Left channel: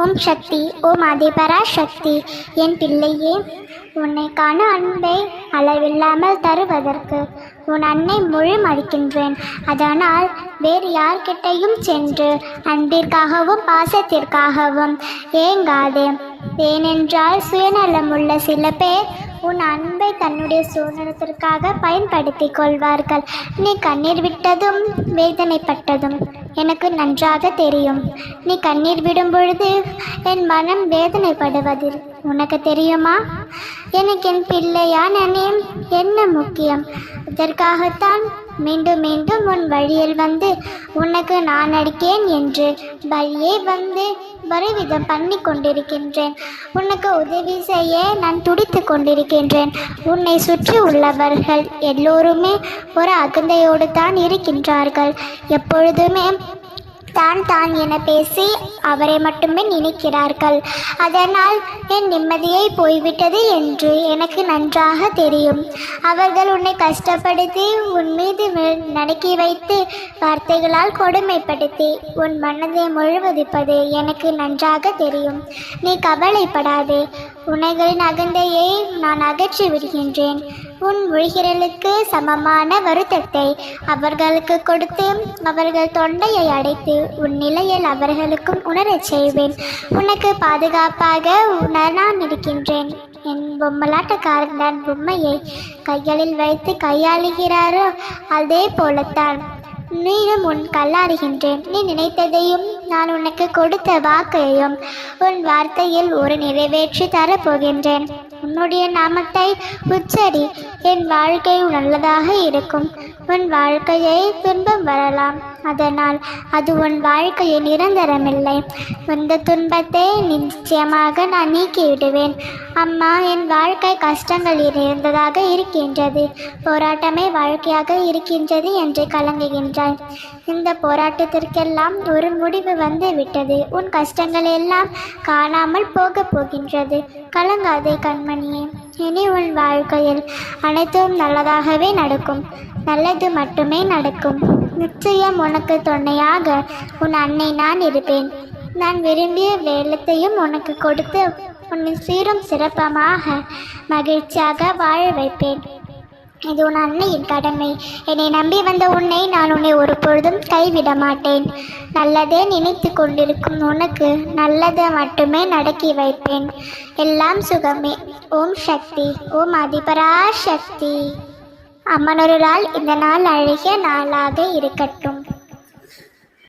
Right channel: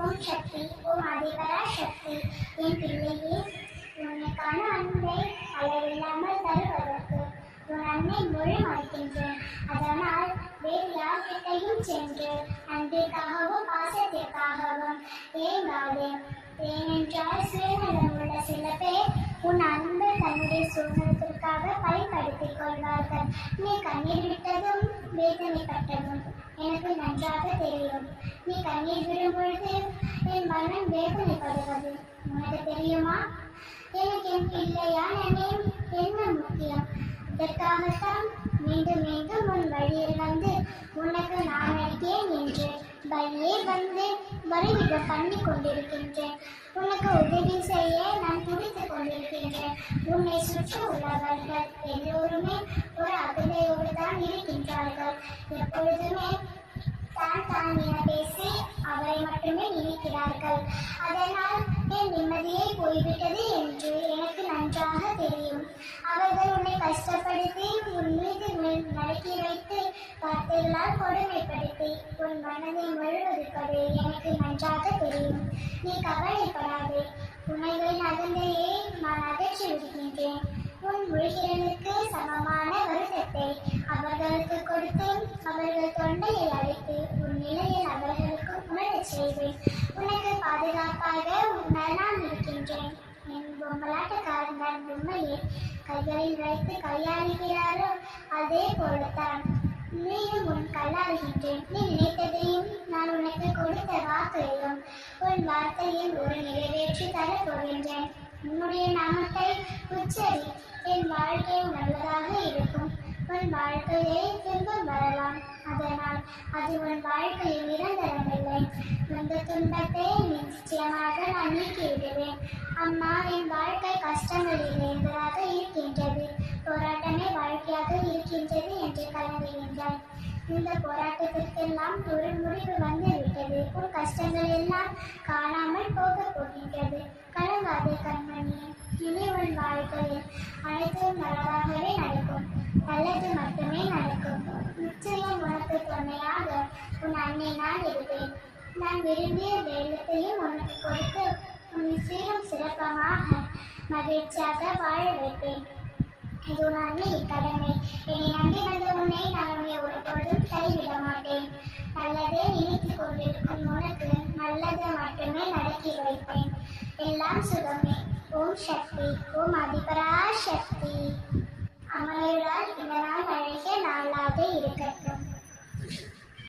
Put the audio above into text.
ஓம் சக்தி ஓம் அதிபரா சக்தி. என் பிள்ளையே உன்னை காண அன்பை அளவில்லாமல் தருவதற்கு உன் அன்னை முழு மடிக்கின்றேன் அதனால் வேறு யார்கிட்டையும் சென்று அன்பிற்காகவும் பாசத்திற்காகவும் ஏங்காதே. ஏனென்றால் சுயநலமுள்ள சில பேர் உன் அன்பை தன்னுடைய சுதந்திரத்திற்காக பயன்படுத்தி கொள்வார்கள். நீ கண்ணீர் விட்டதும் வேதனைப்பட்டதும். எனக்கு நன்றாக தெரியும். நீ கண்ணீர் விடும் பொழுது என் மனம் வேதனைப்படுவதில் உனக்கு தெரியுமா? எனக்கு என் பிள்ளையான நேம் என்ன முக்கியம்? இதற்காகத்தான் மீண்டும் மீண்டும் உன் வழியில் வந்து உனக்கு நான் அடிக்கேன் என்று வழியே வந்து வரைவிதம் பண்ணி கொண்டிருக்கின்றேன். உனக்கு உதவி செய்ய நான் துடித்து கொண்டிருக்கின்றேன். உன்னை சுற்றி உள்ளவர்கள் எல்லோருமே ஒரு அகந்தையோடு தான் இருக்கின்றார்கள். எப்பொழுதுமே தான் தான் என பேசி அவரை மட்டுமே நினைக்கிறார்கள். அதனால் என் நிம்மதியை போய்விட்டது என்று எனக்கு நன்றாக தெரியும். அவர்கள் உன்னை கஷ்டப்படுத்தி உன் மீது நடக்கி வைத்து வார்த்தைகளால் கொடுமைப்படுத்தி உன் மனதை முழுவதிப்பது எனக்கு நன்றாக தெரியும். நீ கவலைப்படாதே. உனைகளின் அகந்தையை நான் அகற்றி விடுகின்றேன். உன் மொழிகிறலுக்கு சமமான வருத்தத்தை அவர்களுக்கு கொடுத்து அவர்கள் தொண்டையை அடைத்து உன் நிலையில் அவர்களுக்கும் உணரச் செய்வேன். உனக்கு பாதுகாப்பாக உணர நான் இருக்கின்றேன் என் பொம்மலாட்டக்காரன் தான் பொம்மையை கைகளில் வைத்து கையாளுகிறாரோ அதே போலத்தான். நீயும் உன் கல்லாறுகின்றேன். நீ நினைத்ததையும் நான் உனக்கு கொடுத்த வாக்கையும் உன் வார்த்தையில் ஒரு நிறைவேற்றி தரப்போகின்றேன். உன்னுடைய நாமத்தை உச்சரி. என் வாழ்க்கை நல்லதாக இருக்கும். உன் வாழ்க்கையை துன்பம் வரலாம். அதனால் அது உன் வாழ்க்கையில் நிரந்தரமில்லை. இந்த துன்பத்தை நிச்சயமாக நான் நீக்கிவிடுவேன். அம்மா என் வாழ்க்கை கஷ்டங்களில் இருந்ததாக இருக்கின்றது. போராட்டமே வாழ்க்கையாக இருக்கின்றது என்று கலங்குகின்றாய். இந்த போராட்டத்திற்கெல்லாம் ஒரு முடிவு வந்து விட்டது உன் கஷ்டங்கள் எல்லாம் காணாமல் போகப் போகின்றது. கலங்காதே கண்மணியே. இனி உன் வாழ்க்கையில் அனைத்தும் நல்லதாகவே நடக்கும். நல்லது மட்டுமே நடக்கும். நிச்சயம் உனக்கு துணையாக உன் அன்னை நான் இருப்பேன். நான் விரும்பிய வேலத்தையும் உனக்கு கொடுத்து உன்னை சீரும் சிறப்பமாக மகிழ்ச்சியாக வாழ வைப்பேன். இது உன் அன்னையின் கடமை. என்னை நம்பி வந்த உன்னை நான் உன்னை ஒரு பொழுதும் கைவிட மாட்டேன். நல்லதே நினைத்து கொண்டிருக்கும் உனக்கு நல்லதை மட்டுமே நடக்கி வைப்பேன். எல்லாம் சுகமே. ஓம் சக்தி. ஓம் அதிபரா சக்தி அம்மனொருளால் இந்த நாள் அழகிய நாளாக இருக்கட்டும்.